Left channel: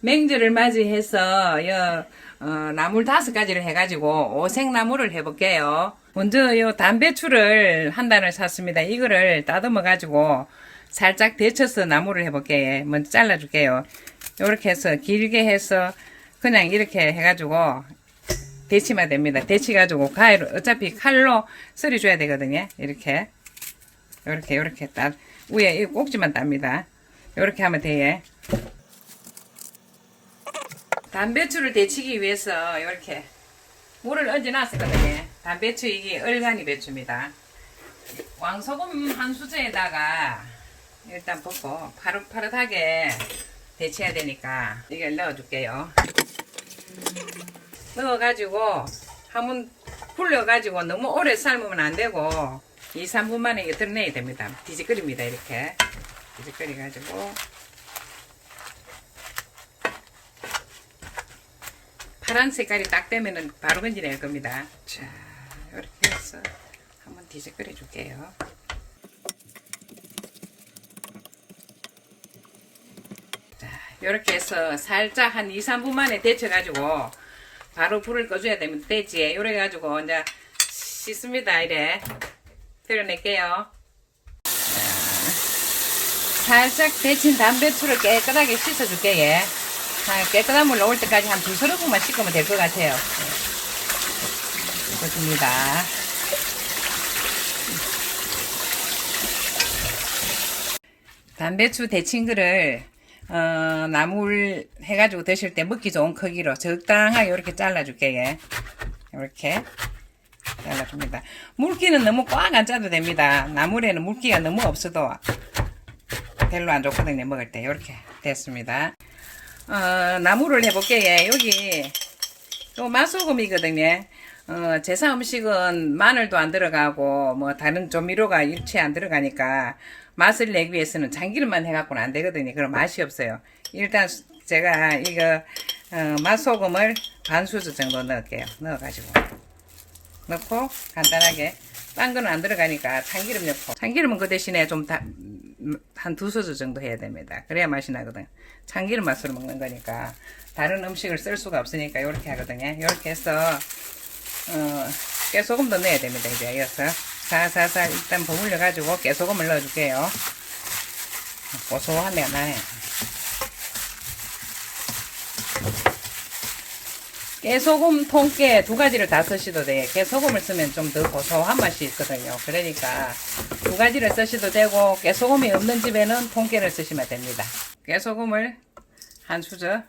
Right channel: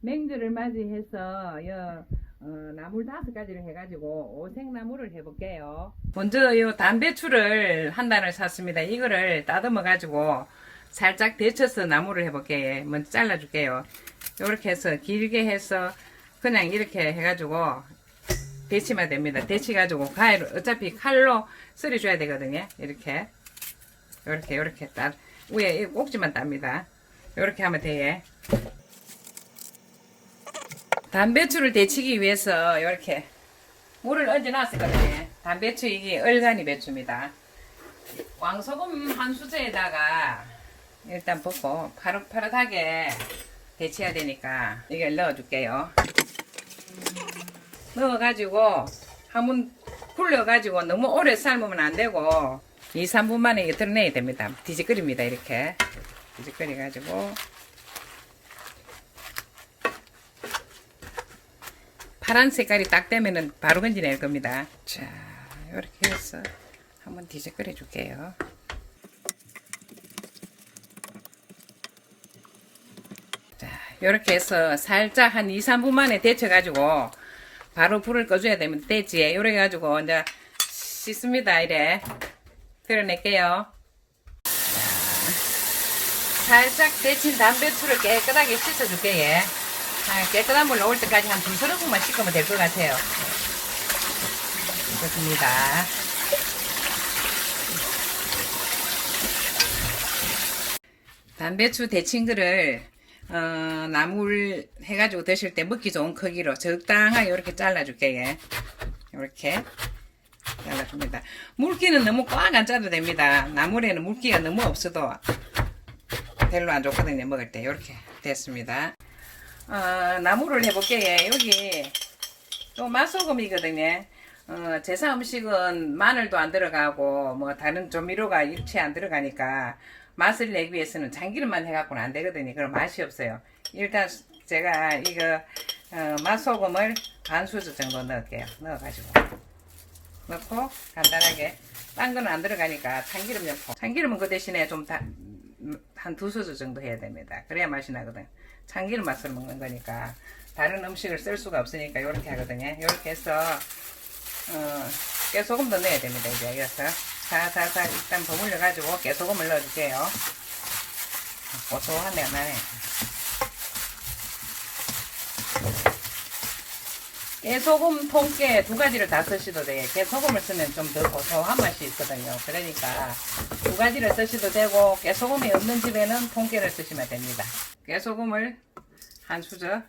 맹주를 맞이해서 나물 5가지를 해가지고 오색나물을 해볼게요. 먼저 담배추를 한 단을 샀습니다. 이거를 다듬어 가지고 살짝 데쳐서 나물을 해볼게요. 먼저 잘라줄게요. 이렇게 해서 길게 해서 그냥 이렇게 해가지고 데치면 됩니다. 데치가지고 가위로 어차피 칼로 썰어줘야 되거든요. 이렇게 딱 위에 이 꼭지만 땁니다. 이렇게 하면 돼요. 담배추를 데치기 위해서 이렇게 물을 얹어 놨었거든요. 담배추 이게 얼간이 배추입니다. 왕소금 한 수저에다가 일단 붓고 파릇파릇하게 데쳐야 되니까 이걸 넣어줄게요. 넣어가지고 한번 불려가지고 너무 오래 삶으면 안 되고 2, 3분 만에 이게 드러내야 됩니다. 뒤집거립니다. 이렇게 뒤집거려가지고 파란 색깔이 딱 되면은 바로 건지낼 겁니다. 자, 이렇게 해서 한번 뒤집거려 줄게요. 자, 이렇게 해서 살짝 한 2, 3분 만에 데쳐가지고 바로 불을 꺼줘야 되면 되지. 이래 가지고 이제 씻습니다. 이래 드러낼게요. 살짝 데친 담배추를 깨끗하게 씻어줄게요. 깨끗한 물 나올 때까지 한 2-3분만 씻으면 될 것 같아요. 좋습니다. 담배추 데친 거를 나물 해가지고 드실 때 먹기 좋은 크기로 적당하게 이렇게 잘라줄게요. 이렇게 잘라줍니다. 물기는 너무 꽉 안 짜도 됩니다. 나물에는 물기가 너무 없어도 별로 안 좋거든요. 먹을 때 이렇게 됐습니다. 나물을 해볼게요. 여기 요 맛소금이거든요. 제사 음식은 마늘도 안 들어가고 뭐 다른 조미료가 일체 안 들어가니까 맛을 내기 위해서는 참기름만 해갖고는 안 되거든요. 그럼 맛이 없어요. 일단 제가 이거 맛소금을 반 수저 정도 넣을게요. 넣어가지고 넣고 간단하게 딴 거는 안 들어가니까 참기름 넣고 참기름은 그 대신에 좀 한 2수저 정도 해야 됩니다. 그래야 맛이 나거든. 참기름 맛으로 먹는 거니까 다른 음식을 쓸 수가 없으니까 이렇게 하거든요. 이렇게 해서 깨소금도 넣어야 됩니다. 이제 이어서 살살 일단 버무려 가지고 깨소금을 넣어줄게요. 고소하네 나네. 깨소금, 통깨 2가지를 다 쓰셔도 돼요. 깨소금을 쓰면 좀 더 고소한 맛이 있거든요. 그러니까 2가지를 쓰셔도 되고 깨소금이 없는 집에는 통깨를 쓰시면 됩니다. 깨소금을 한 수저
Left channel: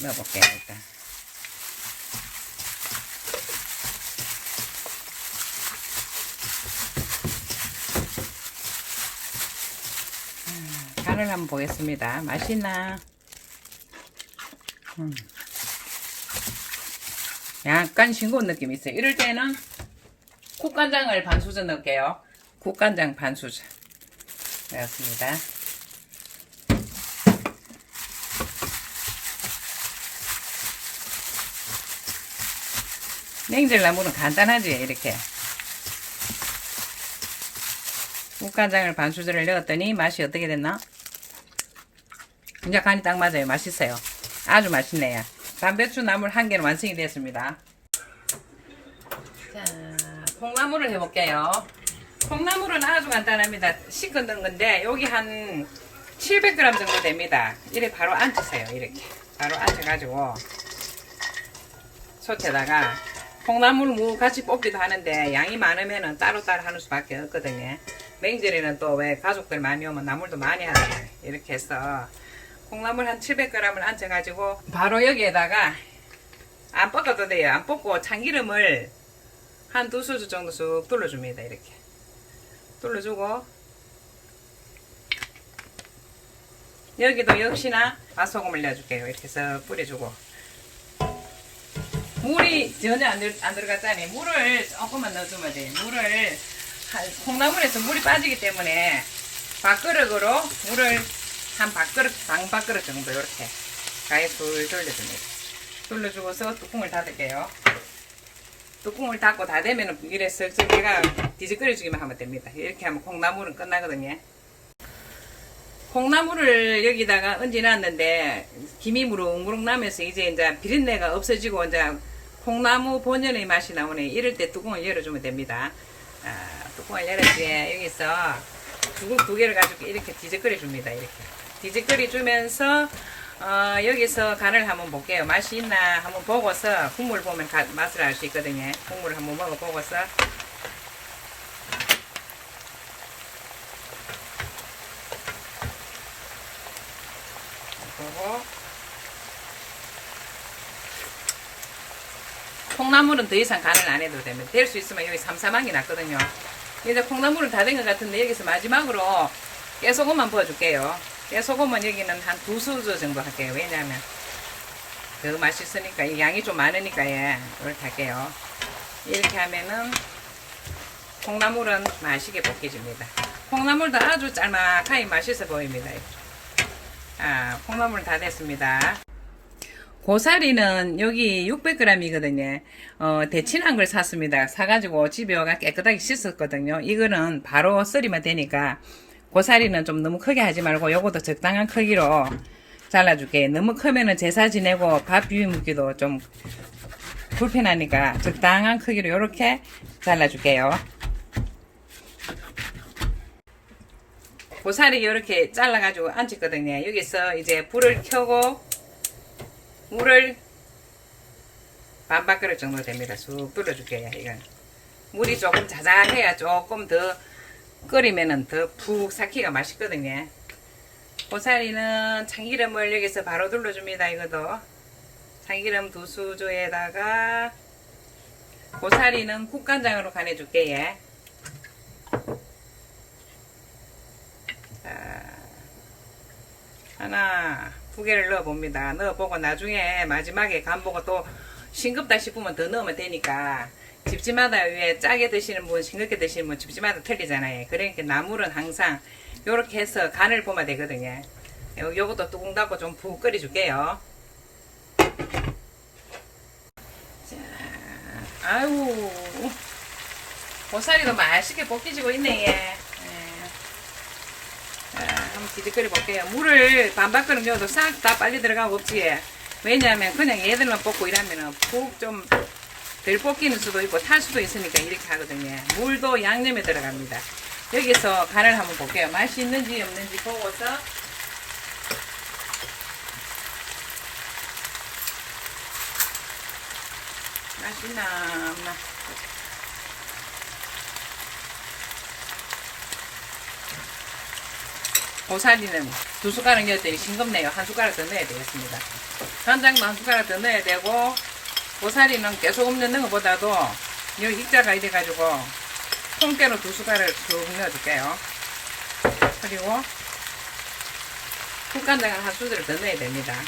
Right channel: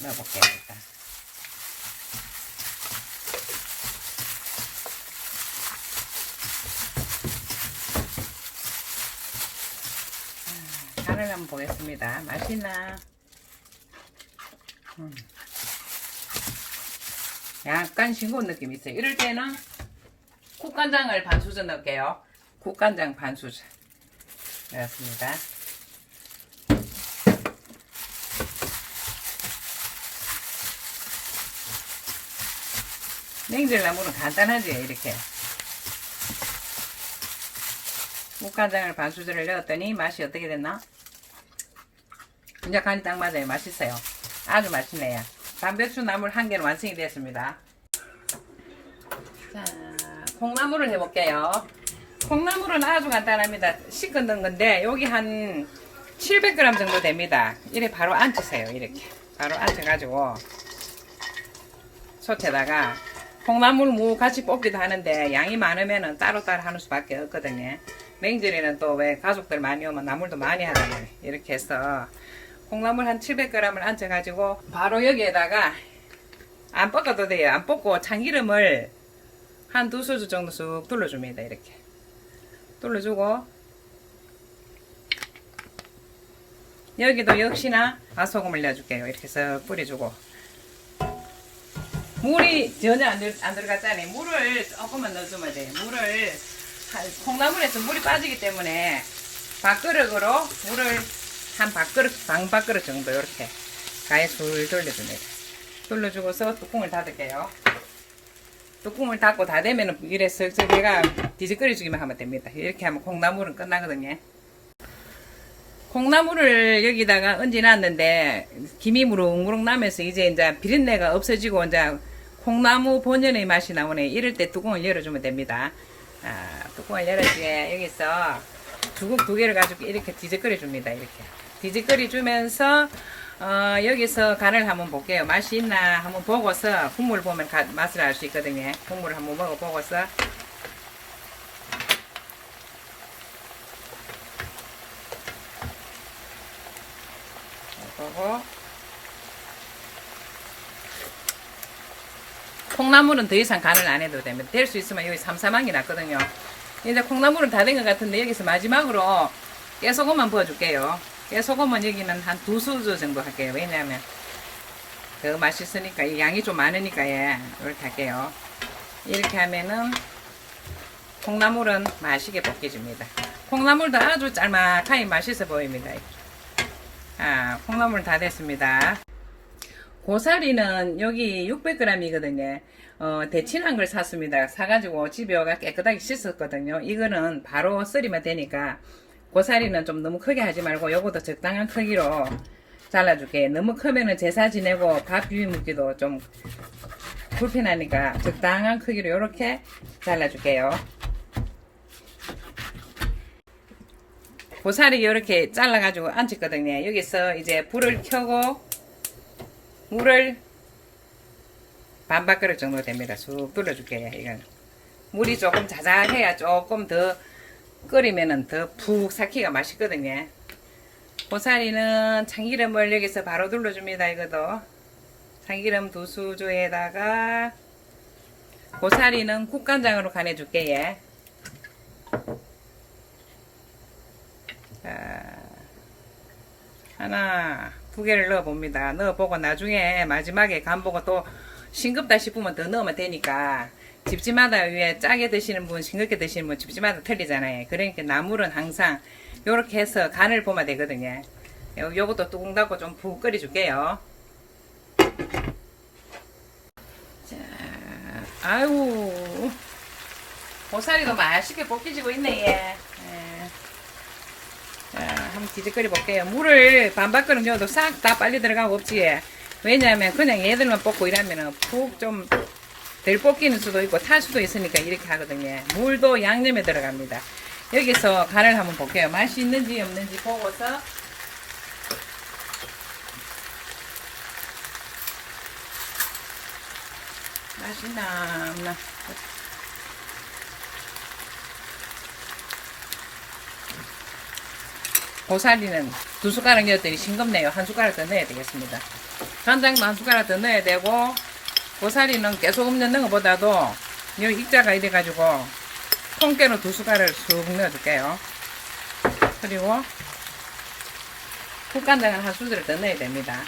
넣어볼게요. 일단 간을 한번 보겠습니다. 맛있나? 약간 싱거운 느낌이 있어요. 이럴 때는 국간장을 반 수저 넣을게요. 국간장 반 수저 넣었습니다. 냉질나물은 간단하지. 이렇게 국간장을 반 수저를 넣었더니 맛이 어떻게 됐나? 이제 간이 딱 맞아요. 맛있어요. 아주 맛있네요. 담배추 나물 1개는 완성이 되었습니다. 자, 콩나물을 해볼게요. 콩나물은 아주 간단합니다. 씻어 넣은 건데 여기 한 700g 정도 됩니다. 이렇게 바로 앉으세요. 이렇게 바로 앉아가지고 솥에다가 콩나물 무 같이 볶기도 하는데 양이 많으면 따로따로 하는 수밖에 없거든요. 명절에는 또 왜 가족들 많이 오면 나물도 많이 하잖아요. 이렇게 해서 콩나물 한 700g을 얹어가지고 바로 여기에다가 안 볶아도 돼요. 안 볶고 참기름을 한 2수저 정도 쑥 둘러줍니다. 이렇게 둘러주고 여기도 역시나 맛소금을 넣어줄게요. 이렇게 해서 뿌려주고 물이 전혀 안 들어갔잖아요. 물을 조금만 넣어주면 돼요. 콩나물에서 물이 빠지기 때문에 밥그릇으로 물을 한 밥그릇, 장밥그릇 정도 이렇게 가에 술 돌려줍니다. 돌려주고서 뚜껑을 닫을게요. 뚜껑을 닫고 다 되면 이래 쓱쓱 얘가 뒤집거려주기만 하면 됩니다. 이렇게 하면 콩나물은 끝나거든요. 콩나물을 여기다가 얹어놨는데 김이 무릉무릉 나면서 이제 비린내가 없어지고 이제 콩나무 본연의 맛이 나오네. 이럴 때 뚜껑을 열어주면 됩니다. 뚜껑을 열어서 여기서 죽국 2개를 가지고 이렇게 뒤적거려 줍니다. 이렇게 뒤적거려 주면서 여기서 간을 한번 볼게요. 맛이 있나 한번 보고서 국물 보면 맛을 알 수 있거든요. 국물을 한번 먹어보고서 보고 콩나물은 더 이상 간을 안 해도 됩니다. 될 수 있으면 여기 삼삼하게 났거든요. 이제 콩나물은 다 된 것 같은데 여기서 마지막으로 깨소금만 부어줄게요. 깨소금은 여기는 한 2수저 정도 할게요. 왜냐하면 더 맛있으니까 양이 좀 많으니까 이렇게 할게요. 이렇게 하면은 콩나물은 맛있게 볶여집니다. 콩나물도 아주 짤막하게 맛있어 보입니다. 콩나물 다 됐습니다. 고사리는 여기 600g이거든요. 데친한 걸 샀습니다. 사가지고 집에 와가 깨끗하게 씻었거든요. 이거는 바로 썰이면 되니까 고사리는 좀 너무 크게 하지 말고 요것도 적당한 크기로 잘라줄게요. 너무 크면은 제사 지내고 밥 비벼 먹기도 좀 불편하니까 적당한 크기로 이렇게 잘라줄게요. 고사리 이렇게 잘라가지고 얹었거든요. 여기서 이제 불을 켜고 물을 반밥 그릇 정도 됩니다. 쑥 불러줄게요. 이건 물이 조금 자잘해야 조금 더 끓이면은 더 푹 삭히가 맛있거든요. 고사리는 참기름을 여기서 바로 둘러줍니다. 이것도 참기름 2수저에다가 고사리는 국간장으로 간해줄게요. 하나 2개를 넣어봅니다. 넣어보고 나중에 마지막에 간 보고 또 싱겁다 싶으면 더 넣으면 되니까 집집마다 위에 짜게 드시는 분 싱겁게 드시는 분 집집마다 틀리잖아요. 그러니까 나물은 항상 요렇게 해서 간을 보면 되거든요. 요것도 뚜껑 닫고 좀 푹 끓여줄게요. 자, 아유 고사리도 맛있게 볶여지고 있네. 얘. 자, 한번 뒤적거려 볼게요. 물을 반박끓여 넣어도 싹 다 빨리 들어가고 없지. 왜냐하면 그냥 얘들만 볶고 이러면은 푹 좀 덜 볶이는 수도 있고 탈 수도 있으니까 이렇게 하거든요. 물도 양념에 들어갑니다. 여기서 간을 한번 볼게요. 맛이 있는지 없는지 보고서 맛있나 없나. 고사리는 2숟가락 넣었더니 싱겁네요. 1숟가락 더 넣어야 되겠습니다. 간장도 1숟가락 더 넣어야 되고 고사리는 깨소금 넣는 것보다도 여기 익자가 이래가지고 통깨로 2숟가락을 쭉 넣어줄게요. 그리고 국간장은 1수저를 더 넣어야 됩니다.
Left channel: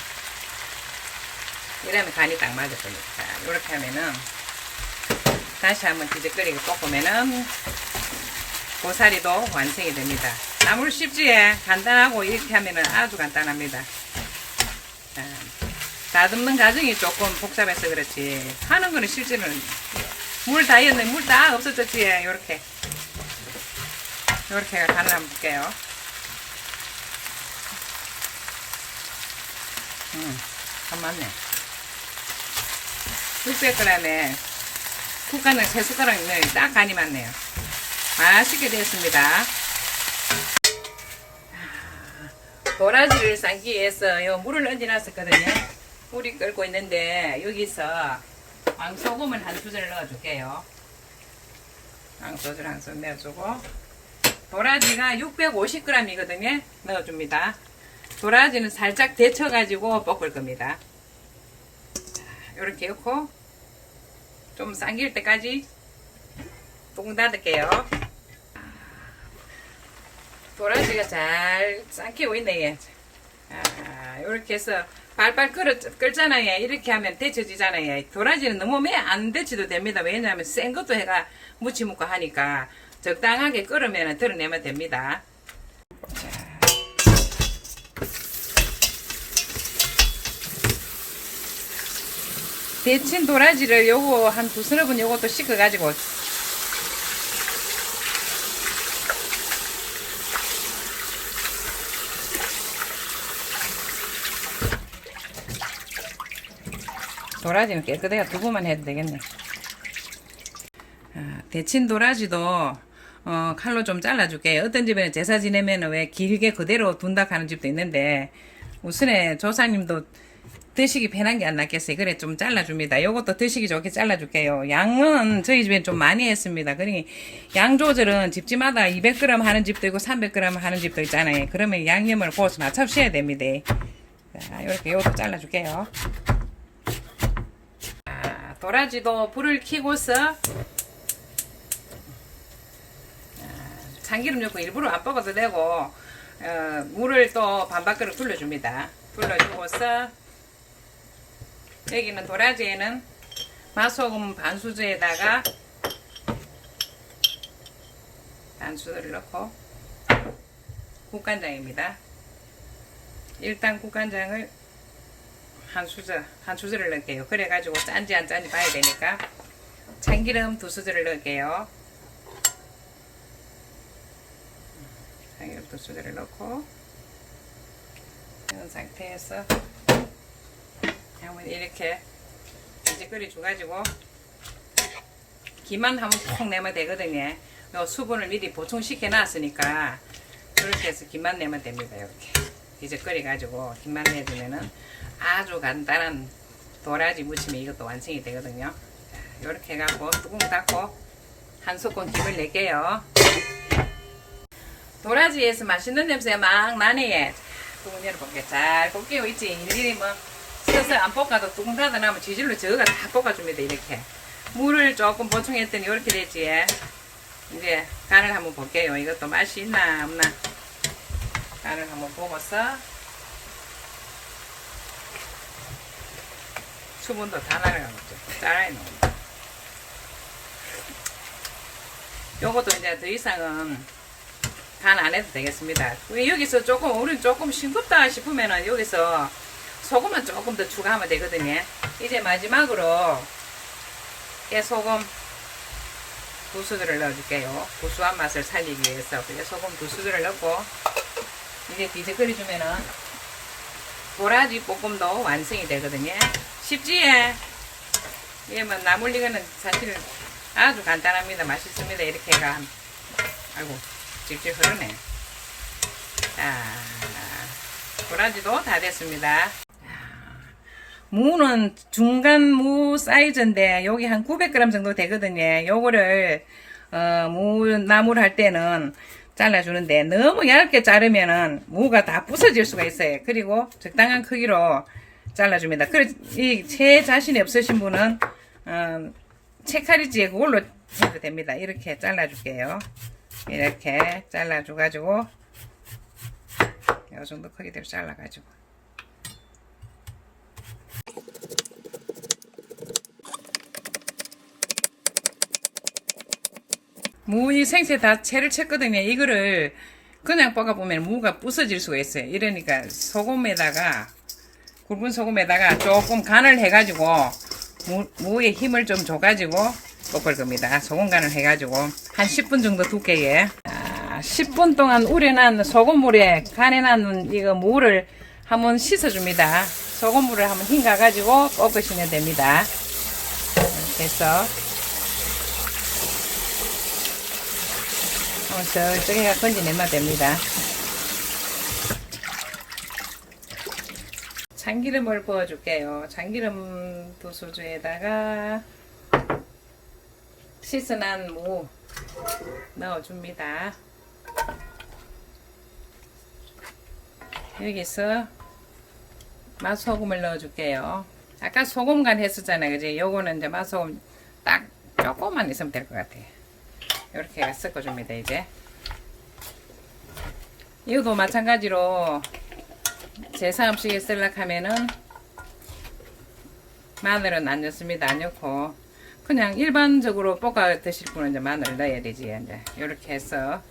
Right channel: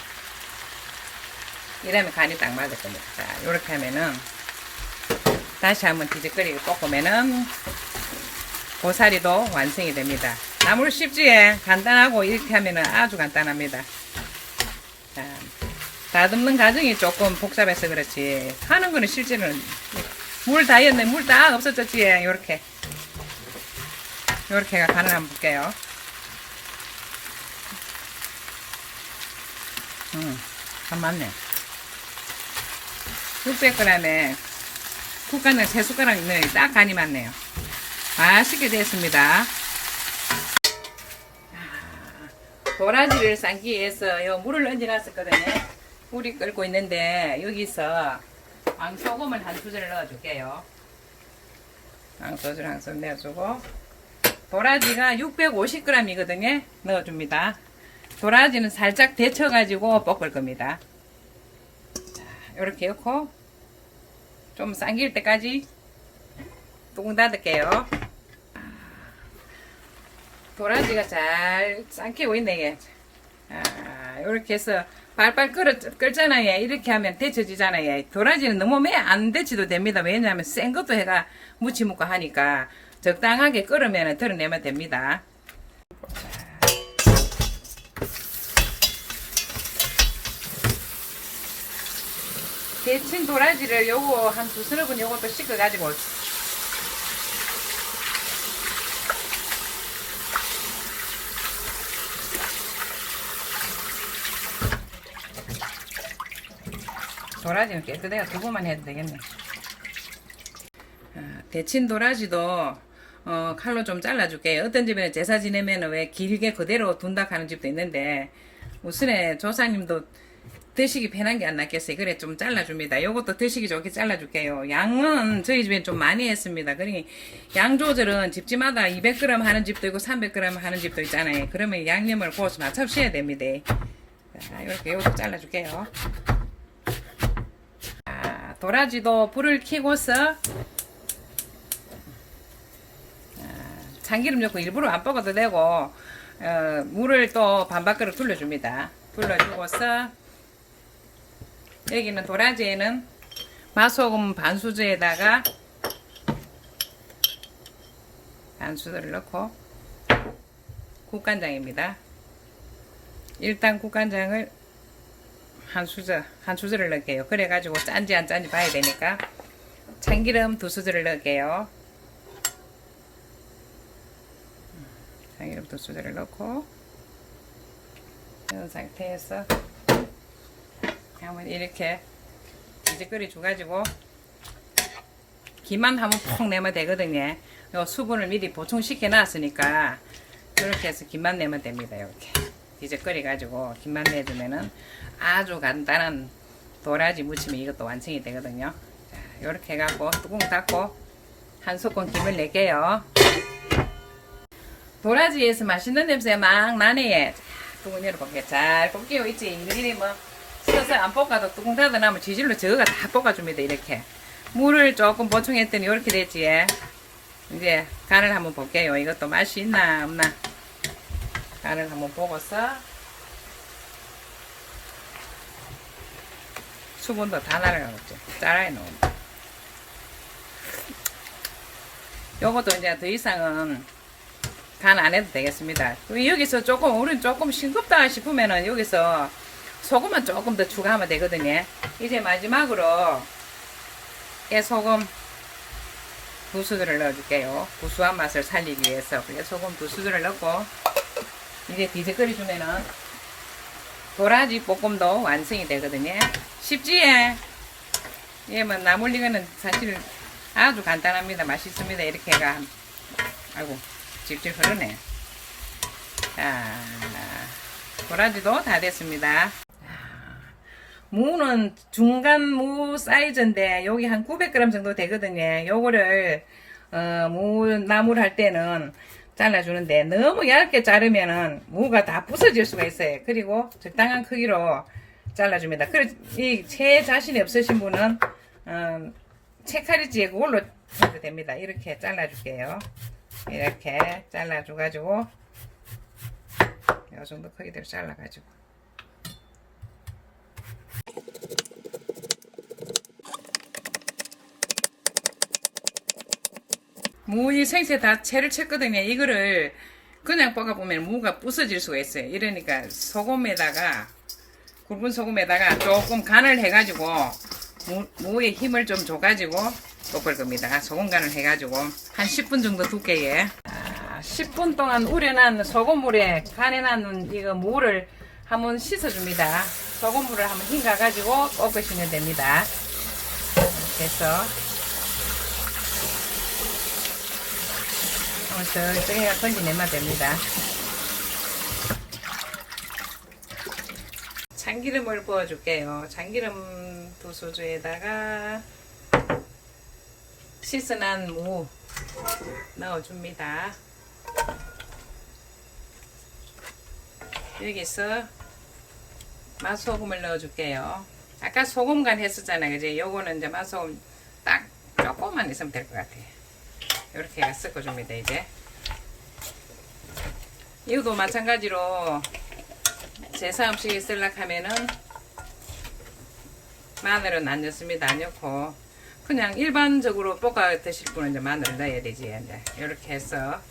이러면 간이 딱 맞을 겁니다. 자, 이렇게 하면은 다시 한번 뒤적거리고 볶으면은 고사리도 완성이 됩니다. 나물 쉽지에 간단하고 이렇게 하면은 아주 간단합니다. 자, 다듬는 과정이 조금 복잡해서 그렇지 하는 거는 실제로는 물 다 였네. 물 다 없어졌지. 요렇게 간을 한번 볼게요. 간 맞네. 600g에 국간장 3숟가락 넣으니 딱 간이 맞네요. 맛있게 됐습니다. 도라지를 삶기 위해서 요 물을 얹어놨었거든요. 물이 끓고 있는데 여기서 왕소금을 1수저를 넣어줄게요. 왕소금 한 숟 넣어주고 도라지가 650g이거든요. 넣어줍니다. 도라지는 살짝 데쳐가지고 볶을 겁니다. 이렇게 넣고 좀 삶길 때까지 뚜껑 닫을게요. 도라지가 잘 삶기고 있네. 이렇게 해서 발발 끓잖아요. 이렇게 하면 데쳐지잖아요. 도라지는 너무 안 데쳐도 됩니다. 왜냐하면 센 것도 해가 무치 묻고 하니까 적당하게 끓으면 드러내면 됩니다. 데친 도라지를 요거 한 2서너 요것도 씻어가지고 도라지는 깨끗해요. 두부만 해도 되겠네. 데친 도라지도 칼로 좀 잘라줄게요. 어떤 집에는 제사 지내면 왜 길게 그대로 둔다 하는 집도 있는데 우선에 조상님도 드시기 편한 게 안 낫겠어요. 그래 좀 잘라줍니다. 요것도 드시기 좋게 잘라줄게요. 양은 저희 집엔 좀 많이 했습니다. 그러니 양 조절은 집집마다 200g 하는 집도 있고 300g 하는 집도 있잖아요. 그러면 양념을 보고서 맞춰주셔야 됩니다. 자, 이렇게 요것도 잘라줄게요. 도라지도 불을 켜고서 참기름 넣고 일부러 안 볶아도 되고 물을 또 반바퀴로 둘러줍니다. 둘러주고서 여기는 도라지에는 맛소금 반수저에다가 반수저를 넣고 국간장입니다. 일단 국간장을 한 수저를 넣을게요. 그래가지고 짠지 안 짠지 봐야 되니까 참기름 2수저를 넣을게요. 참기름 2수저를 넣고 이런 상태에서 한번 이렇게 이제 끓여줘가지고 김만 한번 푹 내면 되거든요. 요 수분을 미리 보충시켜 놨으니까 그렇게 해서 김만 내면 됩니다. 이렇게 이제 끓여가지고 김만 내주면은 아주 간단한 도라지 무침이 이것도 완성이 되거든요. 자, 이렇게 해갖고 뚜껑 닫고 한 스푼 김을 낼게요. 도라지에서 맛있는 냄새가 막 나네. 뚜껑 열어볼게. 잘 볶게요. 있지. 일일이 뭐 서서 안 볶아도 뚜껑 닫아놓으면 지질로 저어가 다 볶아줍니다. 이렇게 물을 조금 보충했더니 이렇게 됐지. 이제 간을 한번 볼게요. 이것도 맛이 있나 없나 간을 한번 보고서 수분도 다 날아가겠죠. 짜라해 놓습니다. 요것도 이제 더 이상은 간 안 해도 되겠습니다. 여기서 조금 우리는 조금 싱겁다 싶으면은 여기서 소금만 조금 더 추가하면 되거든요. 이제 마지막으로 깨소금 2수저를 넣어줄게요. 구수한 맛을 살리기 위해서. 그래서 소금 2수저를 넣고 이제 뒤에 끓여주면은 도라지 볶음도 완성이 되거든요. 쉽지? 예, 뭐 나물리거는 사실 아주 간단합니다. 맛있습니다. 이렇게 해가 아이고 집집 흐르네. 자, 도라지도 다 됐습니다. 무는 중간 무 사이즈인데 여기 한 900g 정도 되거든요. 요거를 무 나물 할 때는 잘라주는데 너무 얇게 자르면은 무가 다 부서질 수가 있어요. 그리고 적당한 크기로 잘라줍니다. 제 자신이 없으신 분은 채칼이지에 그걸로 해도 됩니다. 이렇게 잘라줄게요. 이렇게 잘라줘가지고 이 정도 크기대로 잘라가지고 무이 생새 다 채를 쳤거든요. 이거를 그냥 볶아보면 무가 부서질 수가 있어요. 이러니까 소금에다가 굵은 소금에다가 조금 간을 해가지고 무에 힘을 좀 줘가지고 볶을 겁니다. 소금 간을 해가지고 한 10분 정도 두께에 10분 동안 우려난 소금물에 간해놨는 이거 무를 한번 씻어줍니다. 소금물을 한번 헹가가지고 볶으시면 됩니다. 이렇게 해서 저기가 건져내면 됩니다. 참기름을 부어줄게요. 참기름 2수저에다가 씻어난 무 넣어줍니다. 여기서 맛소금을 넣어줄게요. 아까 소금 간 했었잖아요. 이제 요거는 이제 맛소금 딱 조금만 있으면 될 것 같아요. 이렇게 섞어줍니다. 이제 이것도 마찬가지로 제사 음식에 쓰려고 하면은 마늘은 안 넣습니다. 안 넣고 그냥 일반적으로 볶아 드실 분은 이제 마늘 넣어야 되지. 이제 이렇게 해서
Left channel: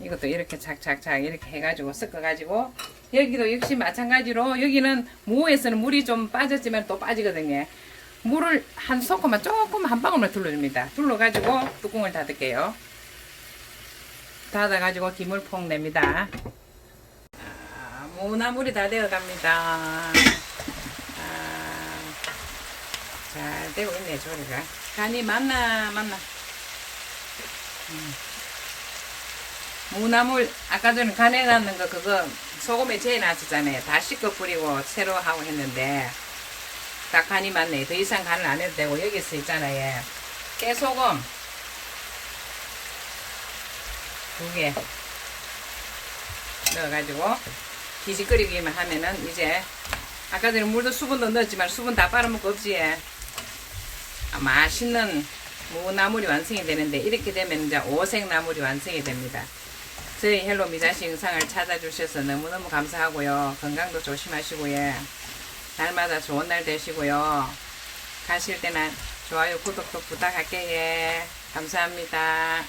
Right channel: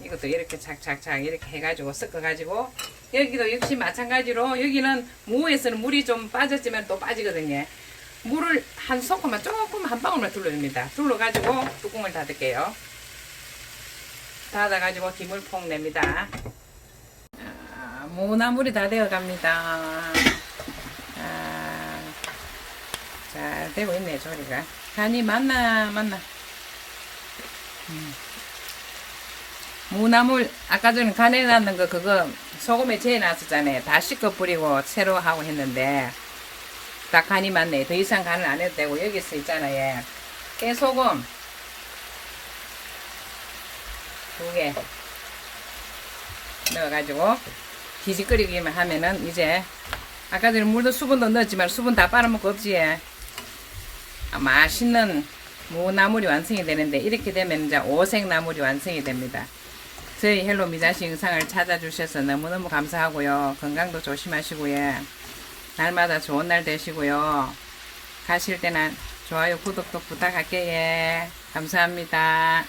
이것도 이렇게 착착착 이렇게 해가지고 섞어가지고 여기도 역시 마찬가지로 여기는 무에서는 물이 좀 빠졌지만 또 빠지거든요. 물을 한 소금만 조금 한 방울만 둘러줍니다. 둘러가지고 뚜껑을 닫을게요. 닫아가지고 김을 폭 냅니다. 무나물이 다 되어 갑니다. 잘 되고 있네, 조리가. 간이 맞나. 무나물, 아까 전에 간에 넣는 거, 그거 소금에 재놨었잖아요. 다 씻어 뿌리고 새로 하고 했는데, 딱 간이 맞네. 더 이상 간을 안 해도 되고, 여기서 있잖아요. 깨소금. 2개. 넣어가지고, 기지끓이기만 하면은, 이제, 아까 전에 물도 수분도 넣었지만, 수분 다 빨아먹고 없지. 맛있는 무나물이 완성이 되는데, 이렇게 되면 이제 오색나물이 완성이 됩니다. 저희 헬로 미자씨 영상을 찾아주셔서 너무너무 감사하고요. 건강도 조심하시고요. 날마다 좋은 날 되시고요. 가실 때는 좋아요, 구독도 부탁할게요. 감사합니다.